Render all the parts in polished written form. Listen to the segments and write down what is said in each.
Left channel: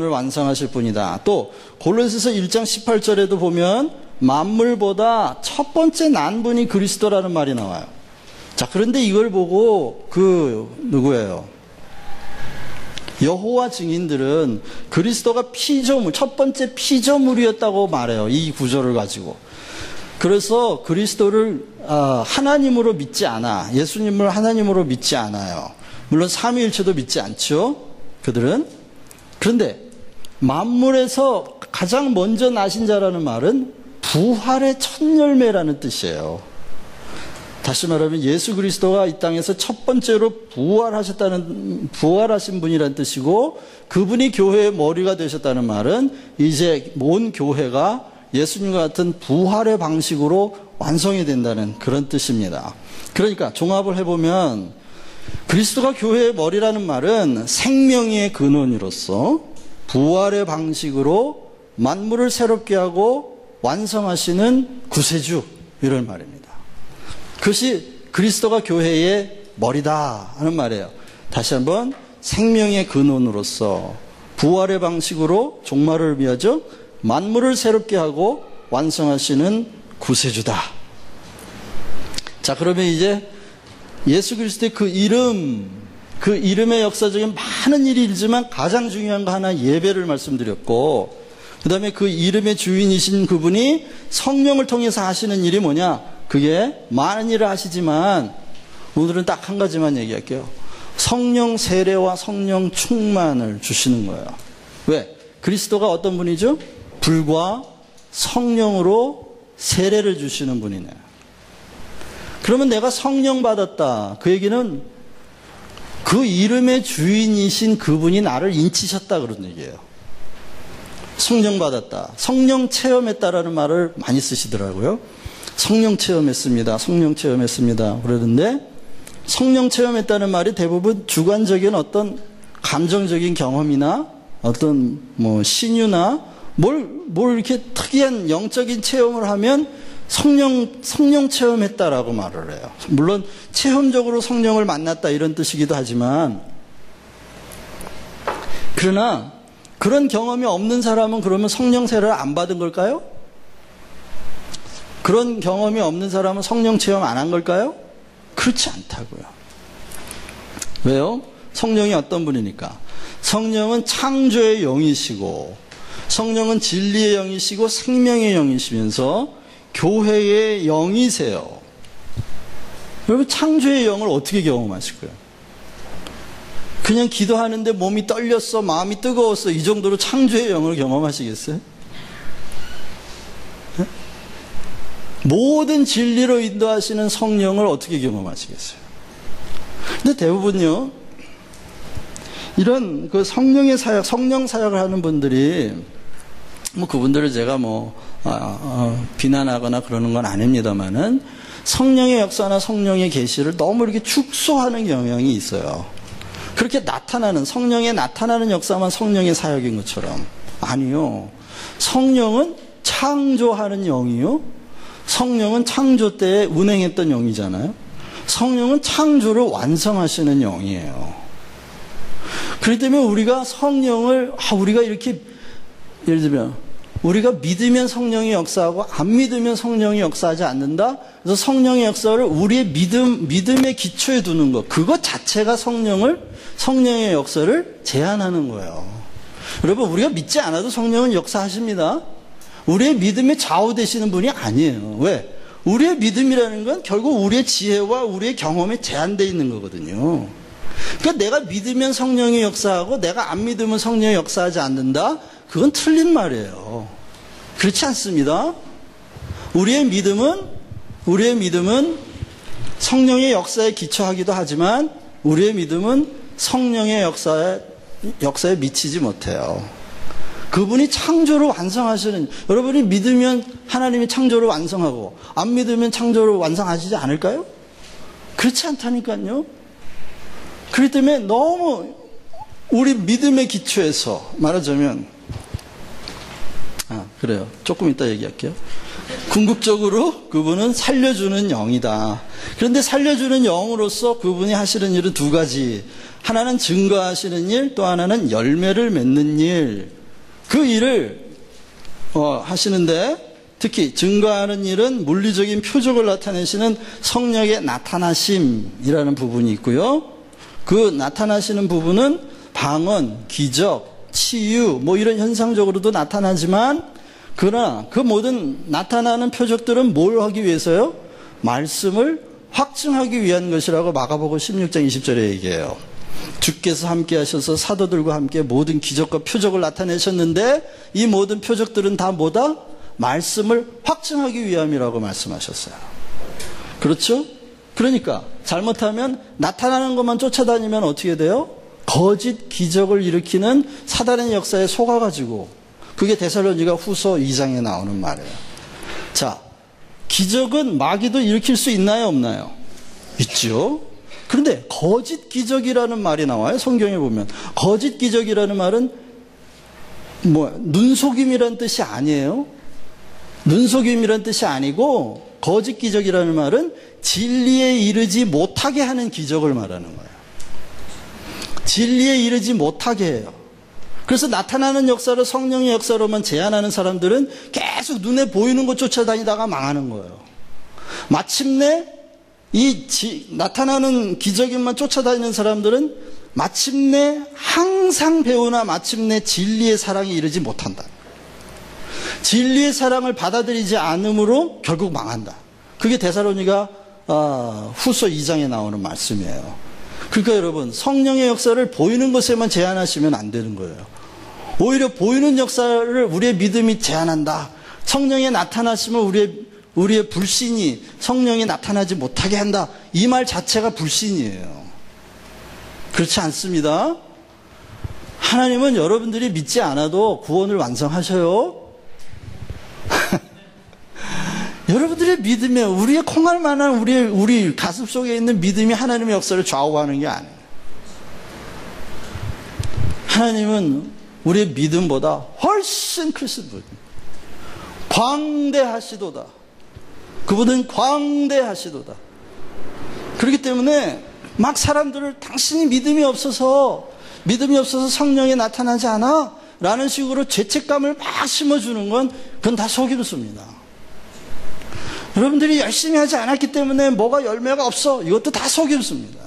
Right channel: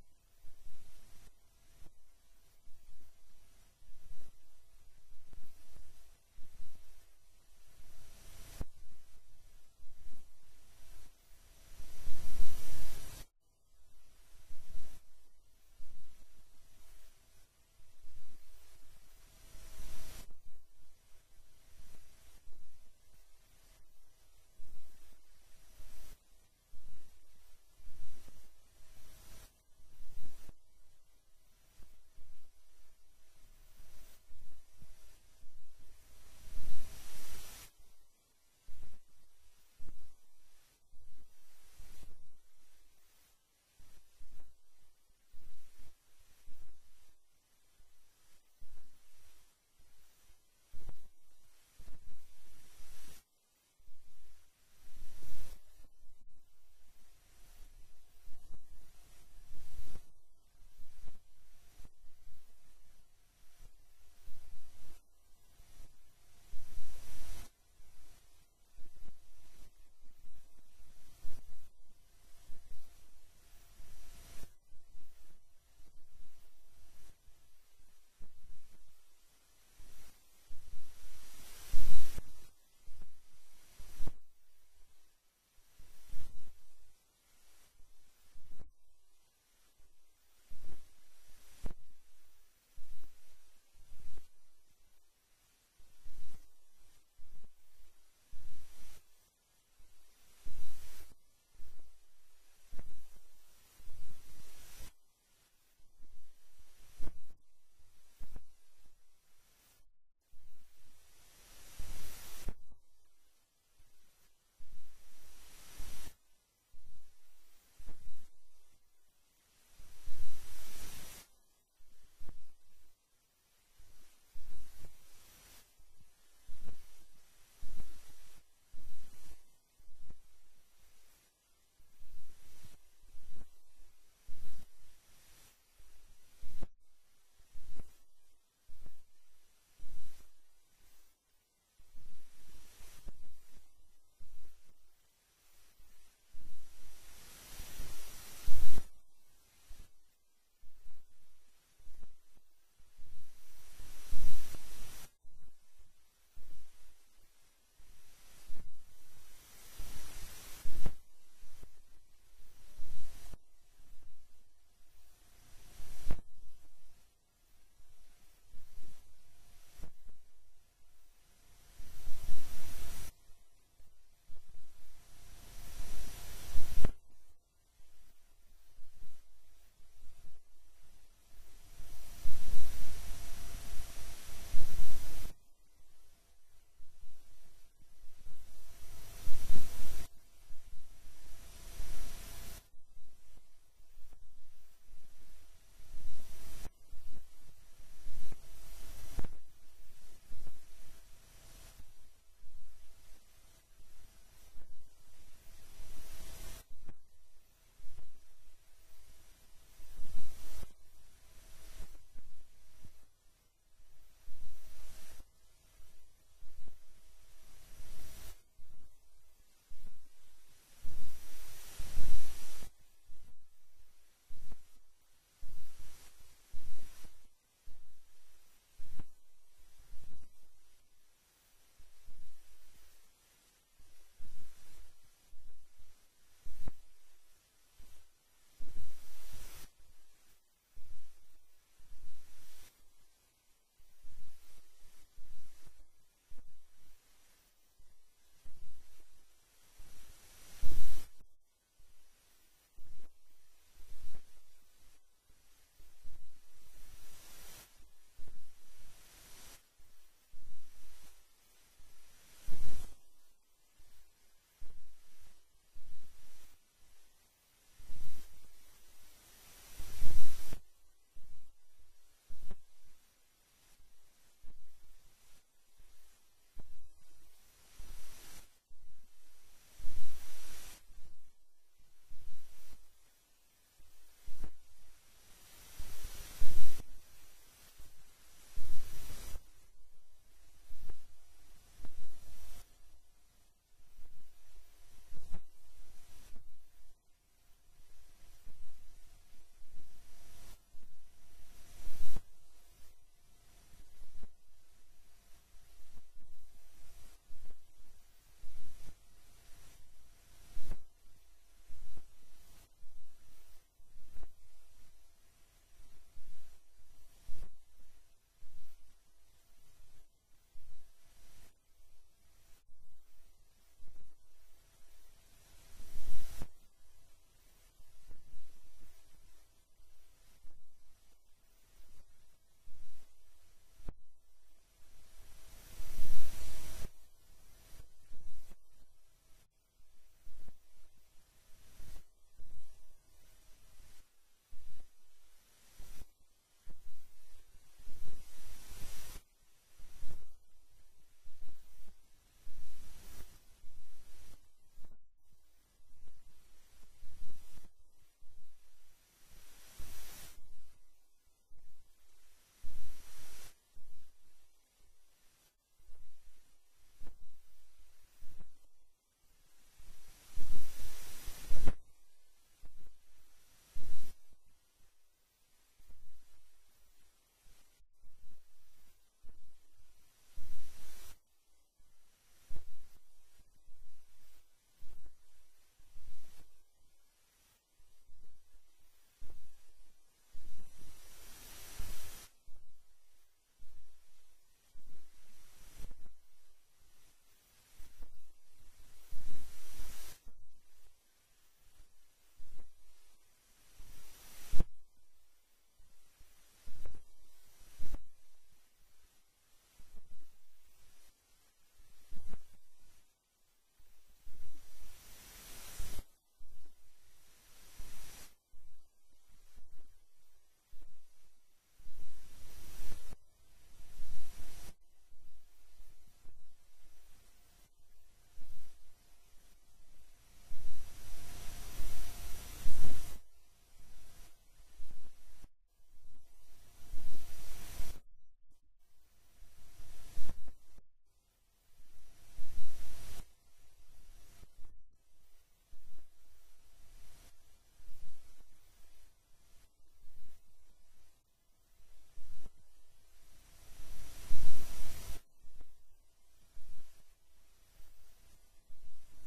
을 완성하실 분이다. 또 골로새서 1장 18절에도 보면 만물보다 첫 번째 난 분이 그리스도라는 말이 나와요. 자, 그런데 이걸 보고 누구예요? 여호와 증인들은 그리스도가 피조물, 첫 번째 피조물이었다고 말해요. 이 구절을 가지고. 그래서 그리스도를 하나님으로 믿지 않아. 예수님을 하나님으로 믿지 않아요. 물론 삼위일체도 믿지 않죠. 그들은. 그런데 만물에서 가장 먼저 나신 자라는 말은 부활의 첫 열매라는 뜻이에요. 다시 말하면 예수 그리스도가 이 땅에서 첫 번째로 부활하신 분이라는 뜻이고, 그분이 교회의 머리가 되셨다는 말은 이제 온 교회가 예수님과 같은 부활의 방식으로 완성이 된다는 그런 뜻입니다. 그러니까 종합을 해보면 그리스도가 교회의 머리라는 말은 생명의 근원으로서 부활의 방식으로 만물을 새롭게 하고 완성하시는 구세주, 이런 말입니다. 그것이 그리스도가 교회의 머리다 하는 말이에요. 다시 한번, 생명의 근원으로서 부활의 방식으로 종말을 의미하죠. 만물을 새롭게 하고 완성하시는 구세주다. 자, 그러면 이제 예수 그리스도의 그 이름의 역사적인 많은 일이 있지만 가장 중요한 거 하나, 예배를 말씀드렸고, 그 다음에 그 이름의 주인이신 그분이 성령을 통해서 하시는 일이 뭐냐? 그게 많은 일을 하시지만 오늘은 딱 한 가지만 얘기할게요. 성령 세례와 성령 충만을 주시는 거예요. 왜? 그리스도가 어떤 분이죠? 불과 성령으로 세례를 주시는 분이네. 그러면 내가 성령 받았다. 그 얘기는 그 이름의 주인이신 그분이 나를 인치셨다, 그런 얘기예요. 성령 받았다. 성령 체험했다라는 말을 많이 쓰시더라고요. 성령 체험했습니다. 성령 체험했습니다. 그러는데 성령 체험했다는 말이 대부분 주관적인 어떤 감정적인 경험이나 어떤 신유나 뭘 이렇게 특이한 영적인 체험을 하면 성령 체험했다라고 말을 해요. 물론 체험적으로 성령을 만났다 이런 뜻이기도 하지만, 그러나 그런 경험이 없는 사람은 그러면 성령 세례를 안 받은 걸까요? 그런 경험이 없는 사람은 성령 체험 안 한 걸까요? 그렇지 않다고요. 왜요? 성령이 어떤 분이니까? 성령은 창조의 영이시고, 성령은 진리의 영이시고 생명의 영이시면서 교회의 영이세요. 여러분, 창조의 영을 어떻게 경험하실 거예요? 그냥 기도하는데 몸이 떨렸어, 마음이 뜨거웠어, 이 정도로 창조의 영을 경험하시겠어요? 네? 모든 진리로 인도하시는 성령을 어떻게 경험하시겠어요? 근데 대부분요, 이런 그 성령의 사역, 성령 사역을 하는 분들이, 그분들을 제가 비난하거나 그러는 건 아닙니다만은, 성령의 역사나 성령의 계시를 너무 이렇게 축소하는 경향이 있어요. 그렇게 성령의 나타나는 역사만 성령의 사역인 것처럼. 아니요. 성령은 창조하는 영이요. 성령은 창조 때에 운행했던 영이잖아요. 성령은 창조를 완성하시는 영이에요. 그렇기 때문에 우리가 성령을, 우리가 이렇게, 예를 들면, 우리가 믿으면 성령이 역사하고 안 믿으면 성령이 역사하지 않는다. 그래서 성령의 역사를 우리의 믿음의 기초에 두는 것, 그것 자체가 성령의 역사를 제한하는 거예요. 여러분, 우리가 믿지 않아도 성령은 역사하십니다. 우리의 믿음에 좌우되시는 분이 아니에요. 왜? 우리의 믿음이라는 건 결국 우리의 지혜와 우리의 경험에 제한되어 있는 거거든요. 그러니까 내가 믿으면 성령이 역사하고 내가 안 믿으면 성령이 역사하지 않는다? 그건 틀린 말이에요. 그렇지 않습니다. 우리의 믿음은 성령의 역사에 기초하기도 하지만 우리의 믿음은 성령의 역사에 미치지 못해요. 그분이 창조를 완성하시는, 여러분이 믿으면 하나님이 창조를 완성하고 안 믿으면 창조를 완성하시지 않을까요? 그렇지 않다니까요. 그렇기 때문에 너무 우리 믿음의 기초에서 말하자면, 그래요. 조금 이따 얘기할게요. 궁극적으로 그분은 살려주는 영이다. 그런데 살려주는 영으로서 그분이 하시는 일은 두 가지. 하나는 증거하시는 일, 또 하나는 열매를 맺는 일. 그 일을 하시는데, 특히 증거하는 일은 물리적인 표적을 나타내시는 성령의 나타나심이라는 부분이 있고요. 그 나타나시는 부분은 방언, 기적, 치유 뭐 이런 현상적으로도 나타나지만, 그러나 그 모든 나타나는 표적들은 뭘 하기 위해서요? 말씀을 확증하기 위한 것이라고 마가복음 16장 20절에 얘기해요. 주께서 함께 하셔서 사도들과 함께 모든 기적과 표적을 나타내셨는데, 이 모든 표적들은 다 뭐다? 말씀을 확증하기 위함이라고 말씀하셨어요. 그렇죠? 그러니까 잘못하면 나타나는 것만 쫓아다니면 어떻게 돼요? 거짓 기적을 일으키는 사단의 역사에 속아가지고, 그게 데살로니가 후서 2장에 나오는 말이에요. 자, 기적은 마귀도 일으킬 수 있나요, 없나요? 있죠. 그런데 거짓 기적이라는 말이 나와요. 성경에 보면 거짓 기적이라는 말은 눈속임이라는 뜻이 아니에요. 눈속임이라는 뜻이 아니고, 거짓 기적이라는 말은 진리에 이르지 못하게 하는 기적을 말하는 거예요. 진리에 이르지 못하게 해요. 그래서 나타나는 역사를 성령의 역사로만 제한하는 사람들은 계속 눈에 보이는 것 쫓아다니다가 망하는 거예요. 마침내 나타나는 기적인만 쫓아다니는 사람들은 마침내 항상 배우나 마침내 진리의 사랑에 이르지 못한다. 진리의 사랑을 받아들이지 않으므로 결국 망한다. 그게 데살로니가 후서 2장에 나오는 말씀이에요. 그러니까 여러분, 성령의 역사를 보이는 것에만 제한하시면 안 되는 거예요. 오히려 보이는 역사를 우리의 믿음이 제한한다. 성령의 나타나심을 우리의 불신이 성령이 나타나지 못하게 한다. 이 말 자체가 불신이에요. 그렇지 않습니다. 하나님은 여러분들이 믿지 않아도 구원을 완성하셔요. 여러분들의 믿음에, 우리의 콩알 만한 우리 가슴 속에 있는 믿음이 하나님의 역사를 좌우하는 게 아니에요. 하나님은 우리의 믿음보다 훨씬 크신 분, 광대하시도다. 그분은 광대하시도다. 그렇기 때문에 막 사람들을 당신이 믿음이 없어서 성령이 나타나지 않아 라는 식으로 죄책감을 막 심어주는 건, 그건 다 속임수입니다. 여러분들이 열심히 하지 않았기 때문에 뭐가 열매가 없어, 이것도 다 속임수입니다.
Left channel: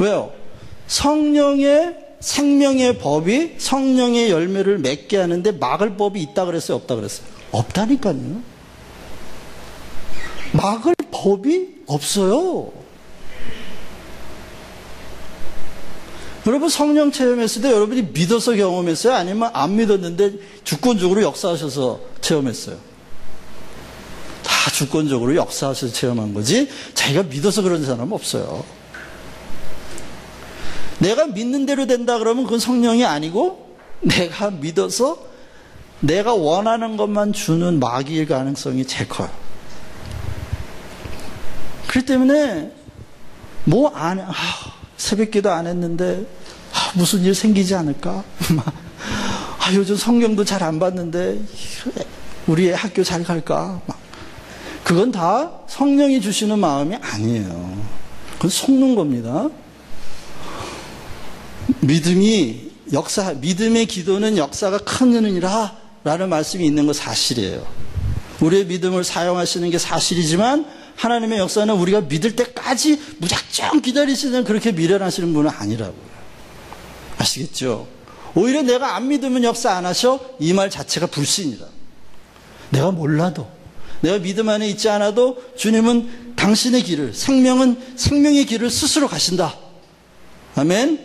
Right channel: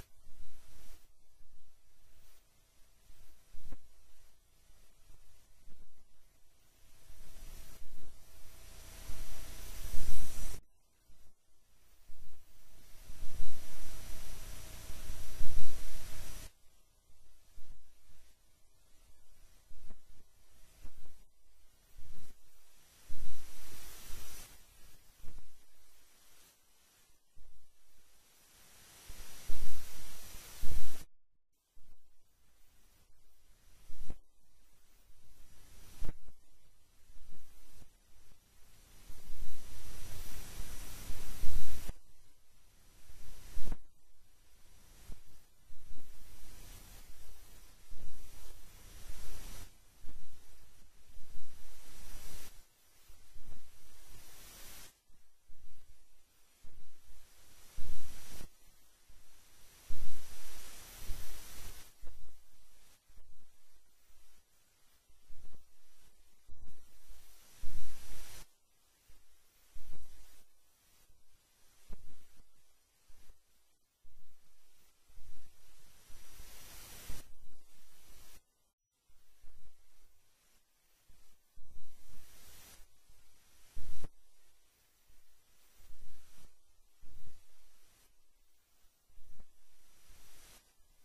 왜요? 성령의 생명의 법이 성령의 열매를 맺게 하는데 막을 법이 있다 그랬어요, 없다 그랬어요? 없다니까요. 막을 법이 없어요. 여러분 성령 체험했을 때 여러분이 믿어서 경험했어요? 아니면 안 믿었는데 주권적으로 역사하셔서 체험했어요? 다 주권적으로 역사하셔서 체험한 거지, 자기가 믿어서 그런 사람은 없어요. 내가 믿는 대로 된다 그러면 그건 성령이 아니고, 내가 믿어서 내가 원하는 것만 주는 마귀일 가능성이 제일 커요. 그렇기 때문에 새벽기도 안 했는데 무슨 일 생기지 않을까? 요즘 성경도 잘 안 봤는데 우리 애 학교 잘 갈까? 그건 다 성령이 주시는 마음이 아니에요. 그건 속는 겁니다. 믿음의 기도는 역사가 큰 은이라 라는 말씀이 있는 거 사실이에요. 우리의 믿음을 사용하시는 게 사실이지만, 하나님의 역사는 우리가 믿을 때까지 무작정 기다리시는, 그렇게 미련하시는 분은 아니라고요. 아시겠죠? 오히려 내가 안 믿으면 역사 안 하셔? 이 말 자체가 불신이다. 내가 몰라도, 내가 믿음 안에 있지 않아도 주님은 당신의 길을, 생명의 길을 스스로 가신다. 아멘?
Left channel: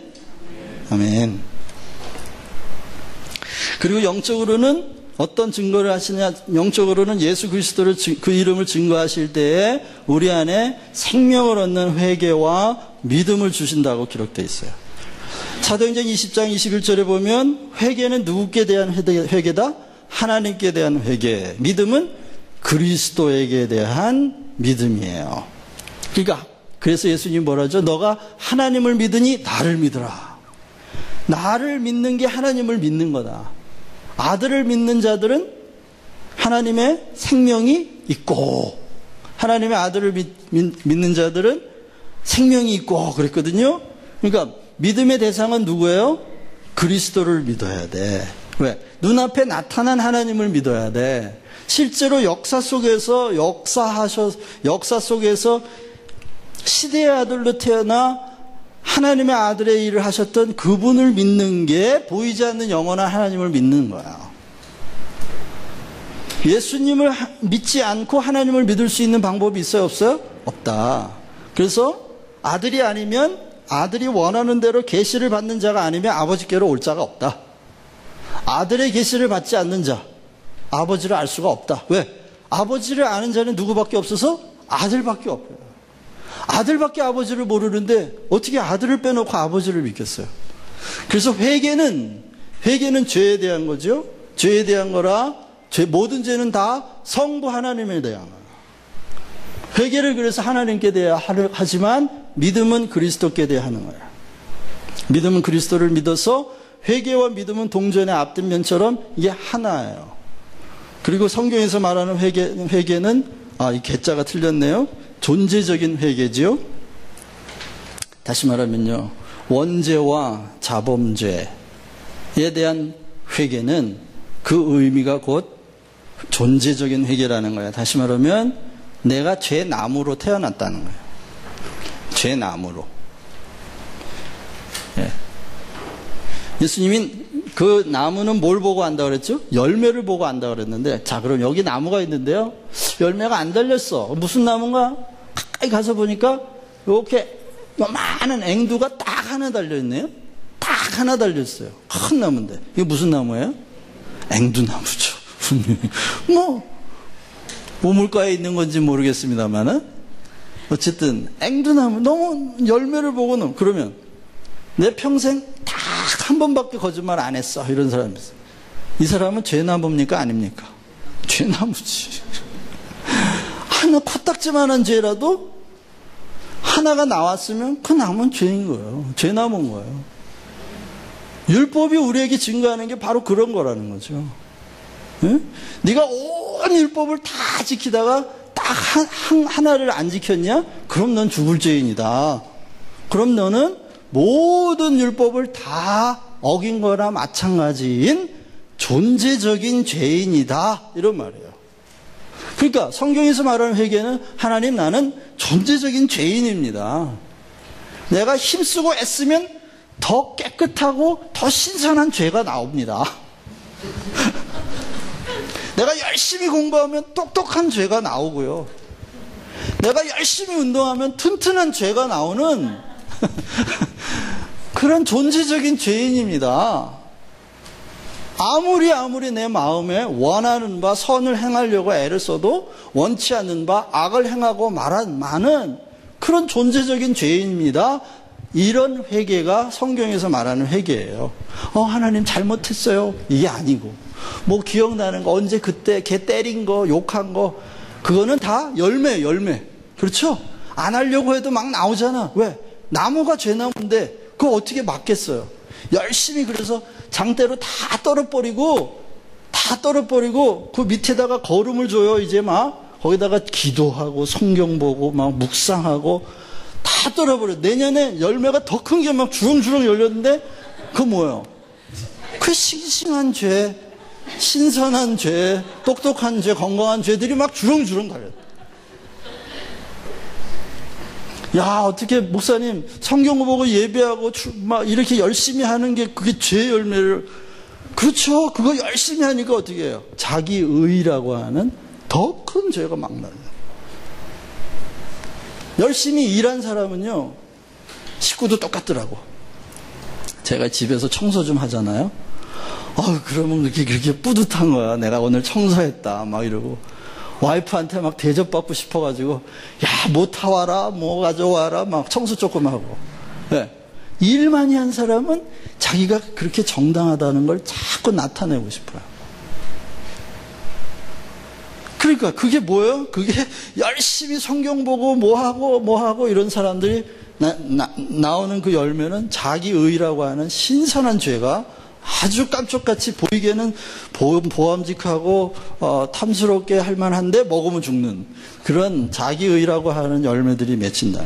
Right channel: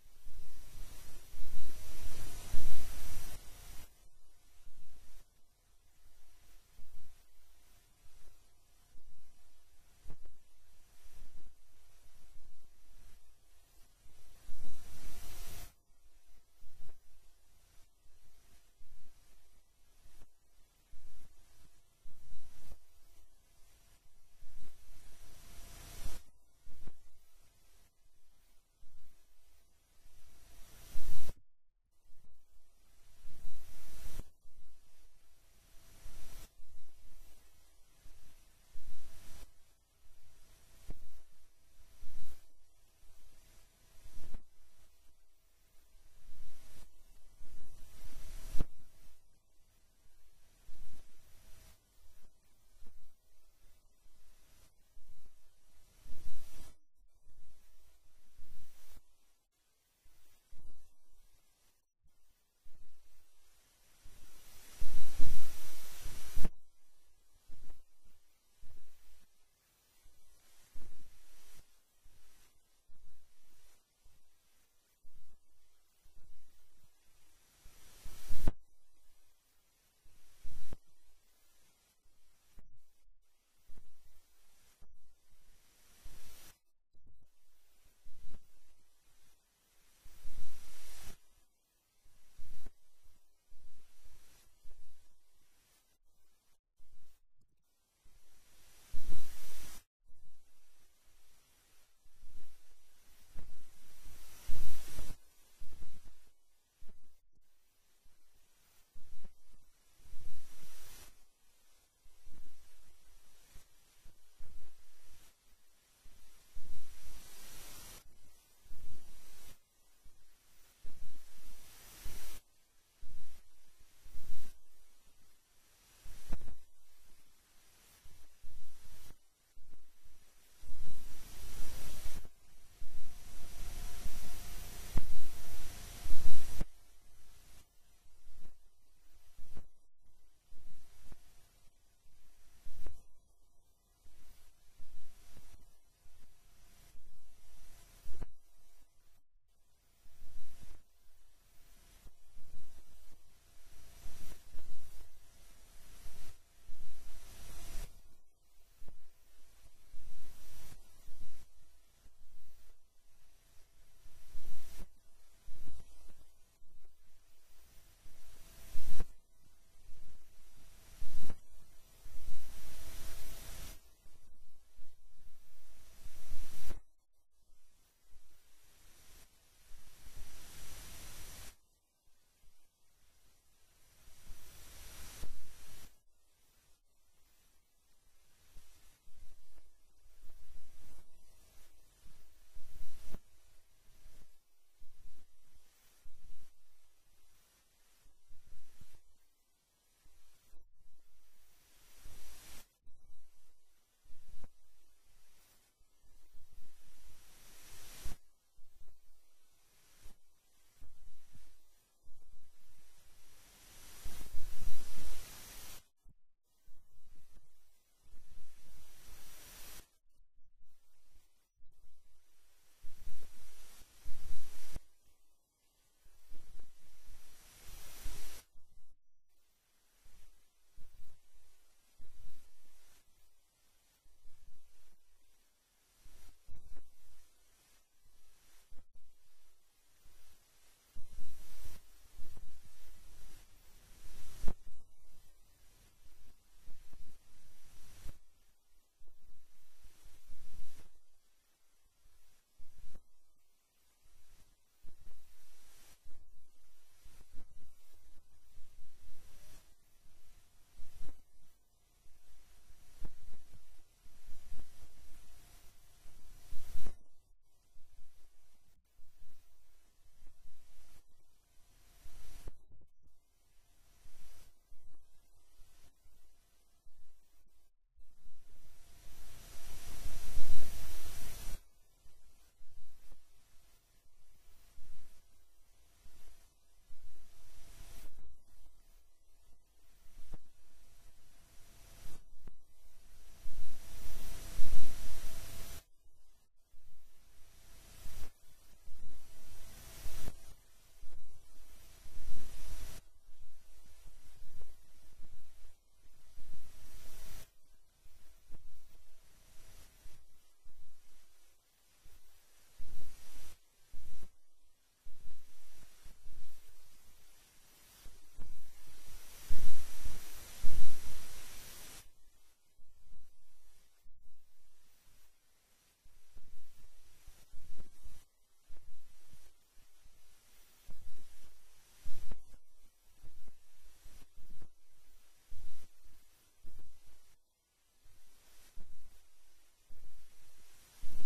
아멘. 그리고 영적으로는 어떤 증거를 하시냐? 영적으로는 예수 그리스도를, 그 이름을 증거하실 때에 우리 안에 생명을 얻는 회개와 믿음을 주신다고 기록되어 있어요. 사도행전 20장 21절에 보면 회개는 누구께 대한 회개다? 하나님께 대한 회개. 믿음은 그리스도에게 대한 믿음이에요. 그러니까 그래서 예수님이 뭐라 하죠? 너가 하나님을 믿으니 나를 믿으라. 나를 믿는 게 하나님을 믿는 거다. 아들을 믿는 자들은 하나님의 생명이 있고, 하나님의 아들을 믿는 자들은 생명이 있고 그랬거든요. 그러니까 믿음의 대상은 누구예요? 그리스도를 믿어야 돼. 왜? 눈앞에 나타난 하나님을 믿어야 돼. 실제로 역사 속에서 역사 속에서 시대의 아들로 태어나 하나님의 아들의 일을 하셨던 그분을 믿는 게 보이지 않는 영원한 하나님을 믿는 거야. 예수님을 믿지 않고 하나님을 믿을 수 있는 방법이 있어요? 없어요? 없다. 그래서 아들이 아니면, 아들이 원하는 대로 계시를 받는 자가 아니면 아버지께로 올 자가 없다. 아들의 계시를 받지 않는 자, 아버지를 알 수가 없다. 왜? 아버지를 아는 자는 누구밖에 없어서? 아들밖에 없어요. 아들밖에 아버지를 모르는데 어떻게 아들을 빼놓고 아버지를 믿겠어요? 그래서 회개는 죄에 대한 거죠. 죄에 대한 거라, 모든 죄는 다 성부 하나님에 대한 거예요. 회개를 그래서 하나님께 대해야 하지만 믿음은 그리스도께 대해야 하는 거예요. 믿음은 그리스도를 믿어서, 회개와 믿음은 동전의 앞뒷 면처럼 이게 하나예요. 그리고 성경에서 말하는 회개는 이 개자가 틀렸네요. 존재적인 회개지요. 다시 말하면요, 원죄와 자범죄에 대한 회개는 그 의미가 곧 존재적인 회개라는 거예요. 다시 말하면 내가 죄나무로 태어났다는 거예요. 죄나무로. 예. 예수님이 그 나무는 뭘 보고 안다고 그랬죠? 열매를 보고 안다고 그랬는데, 자, 그럼 여기 나무가 있는데요, 열매가 안 달렸어. 무슨 나무인가? 가까이 가서 보니까 이렇게 많은 앵두가 딱 하나 달려있네요. 딱 하나 달렸어요. 큰 나무인데 이게 무슨 나무예요? 앵두나무죠. 분명히 우물가에 있는 건지 모르겠습니다만은 어쨌든 앵두나무, 너무 열매를 보고는, 그러면 내 평생 딱 한 번밖에 거짓말 안 했어, 이런 사람이 있어요. 이 사람은 죄나무입니까? 아닙니까? 죄나무지. 하나 코딱지만한 죄라도 하나가 나왔으면 그 나무는 죄인 거예요. 죄나무인 거예요. 율법이 우리에게 증거하는 게 바로 그런 거라는 거죠. 네? 네가 온 율법을 다 지키다가 딱 하나를 안 지켰냐? 그럼 넌 죽을 죄인이다. 그럼 너는 모든 율법을 다 어긴 거나 마찬가지인 존재적인 죄인이다, 이런 말이에요. 그러니까 성경에서 말하는 회개는, 하나님, 나는 존재적인 죄인입니다. 내가 힘쓰고 애쓰면 더 깨끗하고 더 신선한 죄가 나옵니다. 내가 열심히 공부하면 똑똑한 죄가 나오고요, 내가 열심히 운동하면 튼튼한 죄가 나오는 그런 존재적인 죄인입니다. 아무리 내 마음에 원하는 바 선을 행하려고 애를 써도 원치 않는 바 악을 행하고 많은 그런 존재적인 죄인입니다. 이런 회개가 성경에서 말하는 회개예요. 하나님 잘못했어요, 이게 아니고, 뭐 기억나는 거, 언제 그때 걔 때린 거, 욕한 거, 그거는 다 열매. 그렇죠? 안 하려고 해도 막 나오잖아. 왜? 나무가 죄나무인데 그거 어떻게 막겠어요? 열심히, 그래서 장대로 다 떨어버리고 그 밑에다가 거름을 줘요. 이제 막 거기다가 기도하고 성경 보고 막 묵상하고 다 떨어버려. 내년에 열매가 더 큰 게 막 주렁주렁 열렸는데 그거 뭐예요? 그 싱싱한 죄, 신선한 죄, 똑똑한 죄, 건강한 죄들이 막 주렁주렁 달려. 야, 어떻게 목사님 성경 보고 예배하고 막 이렇게 열심히 하는 게 그게 죄 열매를, 그렇죠. 그거 열심히 하니까 어떻게 해요? 자기 의라고 하는 더 큰 죄가 막 나요. 열심히 일한 사람은요, 식구도 똑같더라고. 제가 집에서 청소 좀 하잖아요. 그러면 그렇게 뿌듯한 거야. 내가 오늘 청소했다 막 이러고, 와이프한테 막 대접받고 싶어가지고, 야, 뭐 타와라, 뭐 가져와라, 막 청소 조금 하고. 네. 일 많이 한 사람은 자기가 그렇게 정당하다는 걸 자꾸 나타내고 싶어요. 그러니까 그게 뭐예요? 그게 열심히 성경 보고 뭐 하고 이런 사람들이 나오는 그 열매는 자기 의라고 하는 신선한 죄가 아주 깜짝같이 보이기에는 보암직하고 탐스럽게 할 만한데 먹으면 죽는 그런 자기의라고 하는 열매들이 맺힌다.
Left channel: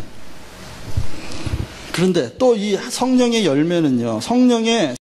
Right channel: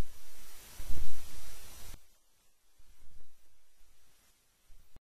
그런데 또 이 성령의 열매는요, 성령의